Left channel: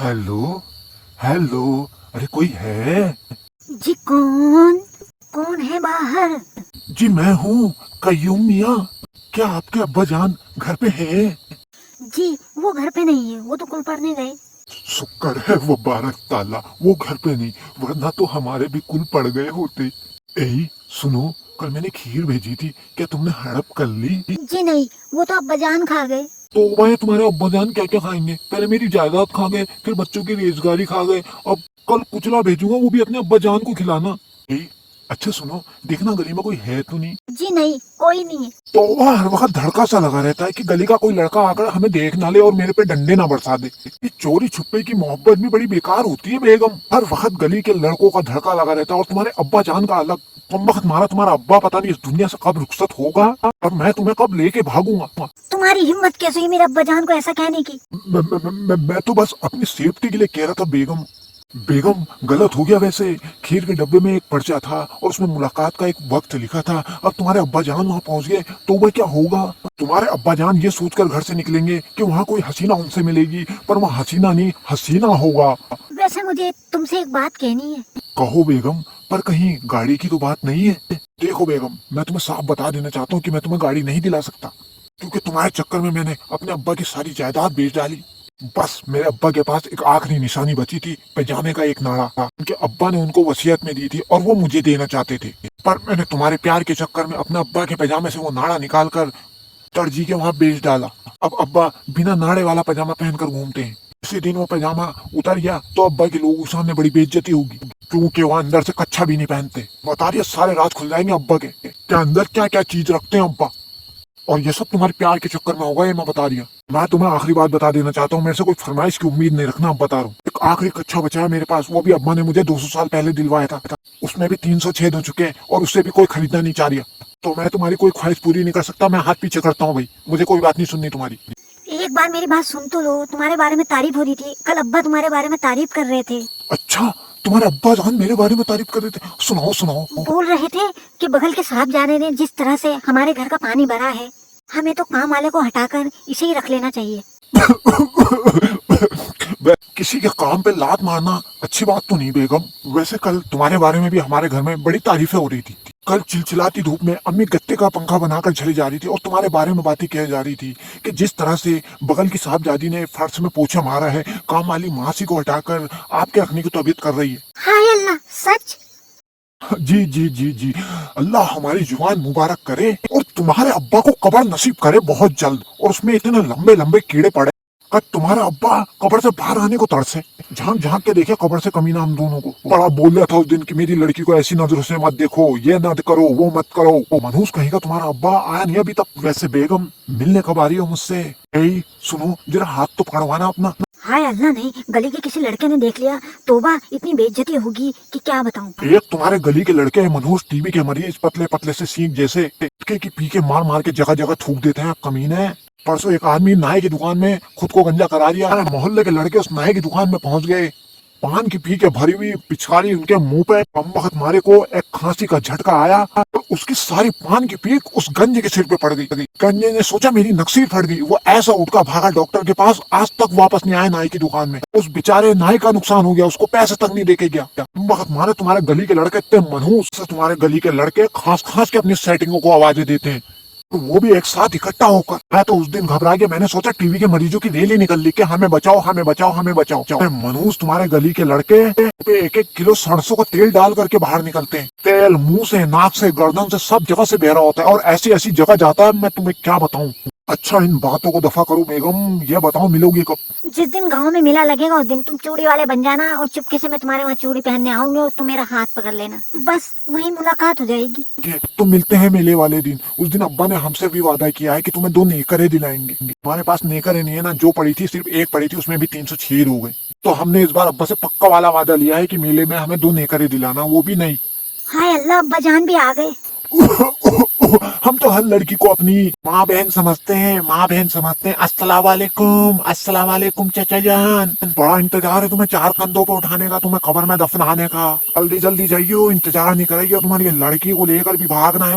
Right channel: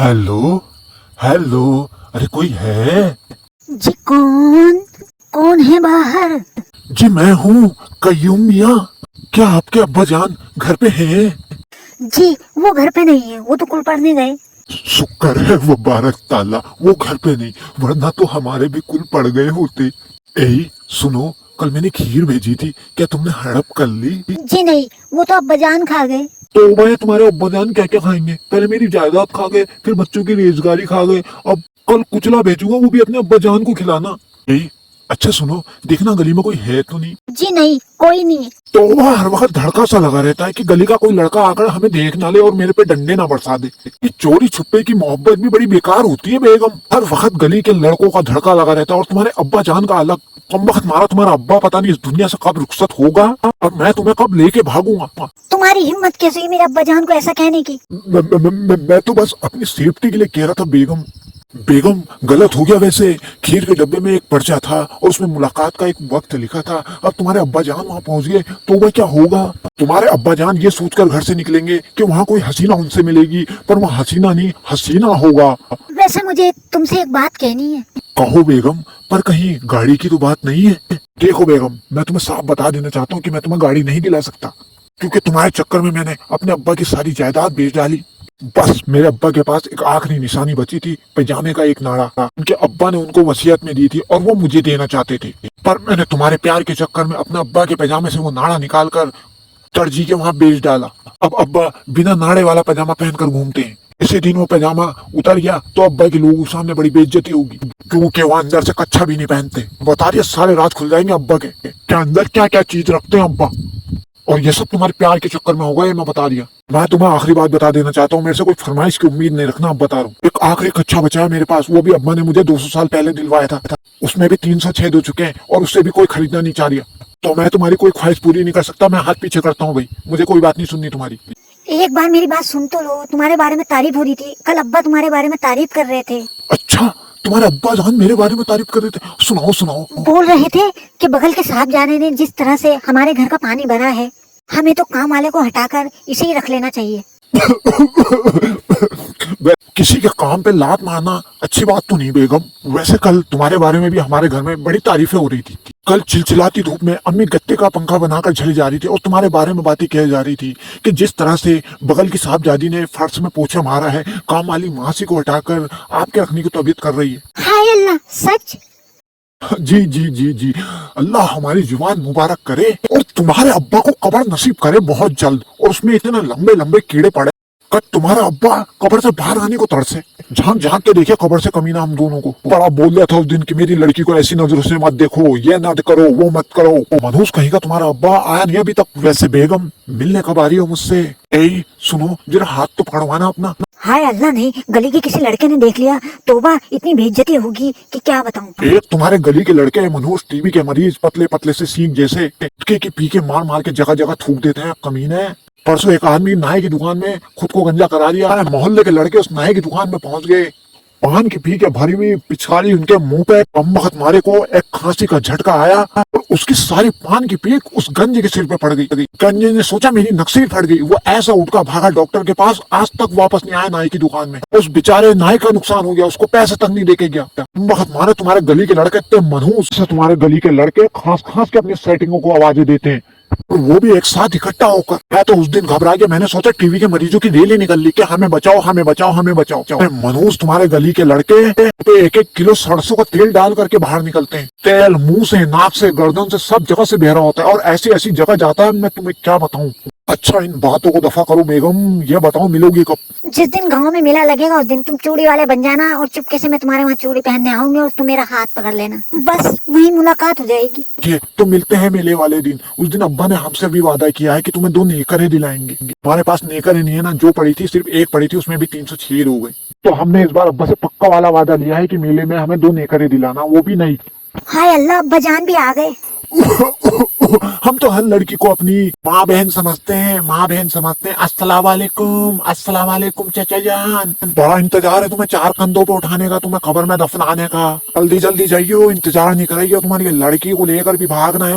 Hello. Hello. अरे कोई है? जी कौन? कौन है बाहर? जी मैं हूँ, कयूम मियाँ। क्या आपके अब्बा जान घर पे हैं? जी वो घर पे नहीं है, वो तो कुल पढ़ने गए। शुक्र है वो बारक ताला वो घर पे नहीं, वरना तो हमारे भी कुल पड़ गए होते। ए सुनो, कल मैंने खीर भेजी थी, क्या तुमने हड़प कर ली? जी नहीं, वो तो अब्बा जान खा गए। तो भाई तुम्हारे अब्बा जान क्या क्या खाएंगे? पहले मेरी जायदाद खा गए, फिर बच्चों की रेजगारी खा गए, अब कल कुचला भेजूंगा वो भी अपने अब्बा जान को खिलाना। ए अच्छा सुनो, देखना गली में कोई है तो नहीं। जी नहीं, कोई नहीं है। तो वह हर वक्त धड़का सा लगा रहता है कि गली का कोई लड़का आकर हमें देख ना ले और मेरे पे डंडे ना बरसा दे। ये चोरी छुपे की मोहब्बत भी बड़ी बेकार होती है बेगम। हर वक्त गली के लड़कों का धड़का लगा रहता है और तुम्हारे अब्बा जान का अलग। तुम वक्त मारा तुम्हारा अब्बा पता नहीं इस दुनिया से कब रुखसत होगा और मैं तुम्हें कब लेके भागूंगा। तुम्हारी हिम्मत कैसे हुई मेरे अब्बा जान को ऐसा कहने की? मैं तो बस अपनी सेफ्टी के लिए कह रहा था बेगम। बेगम गलत हो गया वैसे। खीर के डब्बे में एक पर्चा था और उसमें मुलाकात का एक वक्त लिखा था। अब तुम्हारे अब्बा जान वहाँ पहुंच गए तो वह क्या होगा? तुम्हारे अब्बा जान ये सोचकर घर से निकलेंगे कि वहाँ कोई हसीना उनसे मिलेगी, पर वहाँ हसीना नहीं हसीना होगा। वैसे मुझे तुमसे एक बात कहनी है। कहो बेगम, पर कहीं गाड़ी की तो बात नहीं है? देखो बेगम, मैं तुम्हें साफ बता देना चाहता हूँ कि मैं तुम्हें गाड़ी नहीं दिला सकता, क्योंकि तुम्हारे चक्कर में मैंने अपने अब्बा की सारी जायदाद बेच डाली। बस मेरे अब्बा के पास एक आखिरी निशानी बची थी, पैजामे का एक नाड़ा। उनके अब्बा ने उनको वसीयत में दी थी और वो मुझे देना चाहते थे, पर मैंने तुम्हारे प्यार के चक्कर में अपने अब्बा के पैजामे से वो नाड़ा निकाल कर दर्जी के वहाँ बेच डाला। अब अब्बा बिना नाड़े वाला पैजामा पहनकर घूमते हैं। इसी दिन वो पैजामा उतर गया तो अब्बा के लोगों के सामने बड़ी बेइज्जती होगी, क्योंकि वो अंदर से कच्छा भी नहीं पहनते। बता दिया, सारे राज खुल जाएंगे अब्बा के क्या अंदर क्या क्या चीज रखते हैं अब्बा। और ये सब तुम्हारे प्यार के चक्कर में होगा, ये मैं बता दिया। मैं तुम्हें आखिरी बात बता देना चाहता हूँ, मेरे से कोई फरमाइश की उम्मीद नहीं रखना, अब बता रहा हूँ। एक आखिरी कच्चा बचा है मेरे पास, वो भी अब्बा ने मुझे 200 साल पहले दिलवाया था। उसमें भी 300 छेद हो चुके हैं और उससे भी कोई खरीदना नहीं चाह रहा। तो मैं तुम्हारी कोई ख्वाहिश पूरी नहीं कर सकता, मैं हाथ पीछे करता हूँ भाई, मुझे कोई बात नहीं सुननी तुम्हारी। एक बार मेरी बात सुन तो लो। तुम्हारे बारे में तारीफ हो रही थी, कल अब्बा तुम्हारे बारे में तारीफ कर रहे थे। अच्छा, तुम्हारे अब्बा जान मेरे बारे में तारीफ कर रहे थे? सुनाओ सुनाओ। बोल रहे थे कि बगल के साहबजादे ने जिस तरह से हमारे घर का पानी भरा है, हमें तो काम वाले को हटाकर इसे ही रख लेना चाहिए। किसी के काम पे लात मारना अच्छी बात तो नहीं बेगम। वैसे कल तुम्हारे बारे में भी हमारे घर में बड़ी तारीफें हो रही थी। कल चिलचिलाती धूप में अम्मी गत्ते का पंखा बनाकर चली जा रही थी और तुम्हारे बारे में बातें कही जा रही थी कि जिस तरह से बगल की साहबजादी ने फर्श में पोछा मारा है, काम वाली मासी को हटाकर आपके रखने की तबीयत कर रही है। हाय अल्लाह, सच? जी जी जी जी, अल्लाह हमारी जुबान मुबारक करे और तुम्हारे अब्बा को कब्र नसीब करे बहुत जल्द, और उसमें इतने लंबे लंबे कीड़े पड़े कि तुम्हारा अब्बा कब्र से बाहर आने को तरसे। झांक झांक के देखे कब्र से कमीना हम दोनों को। बड़ा बोल दिया था उस दिन कि मेरी लड़की को ऐसी नजरों से मत देखो, ये मत करो, वो मत करो। वो मनहूस कहीं का तुम्हारा अब्बा आया नहीं अभी तक। वैसे बेगम मिलने कब आ रही हो मुझसे? ए सुनो, जरा हाथ तो पकड़वाना अपना। हाय अल्लाह, नहीं, गली के किसी लड़के ने देख लिया, तोबा, इतनी बेइज्जती होगी कि क्या बताऊं। एक तुम्हारे गली के लड़के मनहूस टीबी के मरीज, पतले पतले से सींग जैसे, के पी के मार मार के जगह जगह थूक देते हैं कमीने। परसों एक आदमी नाई की दुकान में खुद को गंजा करा लिया। अरे मोहल्ले के लड़के उस नाई की दुकान में पहुंच गए, पान की पी के भरी हुई पिचकारी उनके मुंह पे। अम्मखत मारे को एक खांसी का झटका आया और उसकी सारी पान की पीक उस गंजे के सिर पे पड़ गई। गंजे ने सोचा मेरी नक्सीर फट गई, वो ऐसा उठका भागा डॉक्टर के पास, आज तक वापस नहीं आया नाई की दुकान में। उस बेचारे नाई का नुकसान हो गया, उसको पैसे तक नहीं देके गया। अम्मखत मारे तुम्हारे गली के लड़के इतने मनहूस से तुम्हारे गली के लड़के खांस खांस के अपने सेटिंगों को आवाजें देते हैं, और वो भी एक साथ इकट्ठा होकर। मैं तो उस दिन घबरा गया, मैंने सोचा टीवी के मरीजों की रैली निकल ली कि हमें बचाओ हमें बचाओ हमें बचाओ। मनोज तुम्हारे गली के लड़के पे 1-1 किलो सरसों का तेल डाल करके बाहर निकलते हैं। तेल मुंह से, नाक से, गर्दन से, सब जगह से बह रहा होता है और ऐसी ऐसी जगह जाता है, मैं तुम्हें क्या बताऊं। अच्छा इन बातों को दफा करो बेगम, ये बताओ मिलोगी कब? जिस दिन गांव में मेला लगेगा उस दिन तुम चूड़ी वाले बन जाना और चुपके से मैं तुम्हारे वहाँ चूड़ी पहनने आऊंगी और तुम मेरा हाथ पकड़ लेना, बस वही मुलाकात हो जाएगी। ये तो मिलते हैं मेले वाले दिन। उस दिन अब्बा ने हमसे भी वादा किया है कि तुम्हें 2 नेकरें दिलाएंगे। हमारे पास नेकरें नहीं है ना, जो पड़ी थी सिर्फ एक पड़ी थी, उसमें भी 306 हो गए। तो हमने इस बार अब्बा से पक्का वाला वादा लिया है कि मेले में हमें 2 नेकरें दिलाना, वो भी नहीं। हाय अल्लाह, अब्बा जान भी आ गए। हम तो हर लड़की को अपनी माँ बहन समझते हैं, माँ बहन समझते हैं। अस्सलाम वालेकुम, अस्सलाम वालेकुम चाचा जान। बड़ा इंतजार है तुम्हें 4 कंधों पे उठाने का, तुम्हें कब्र में दफनाने का। जल्दी जल्दी जाइयो, इंतजार नहीं करियो, तुम्हारी लड़की को लेकर भी भागना है।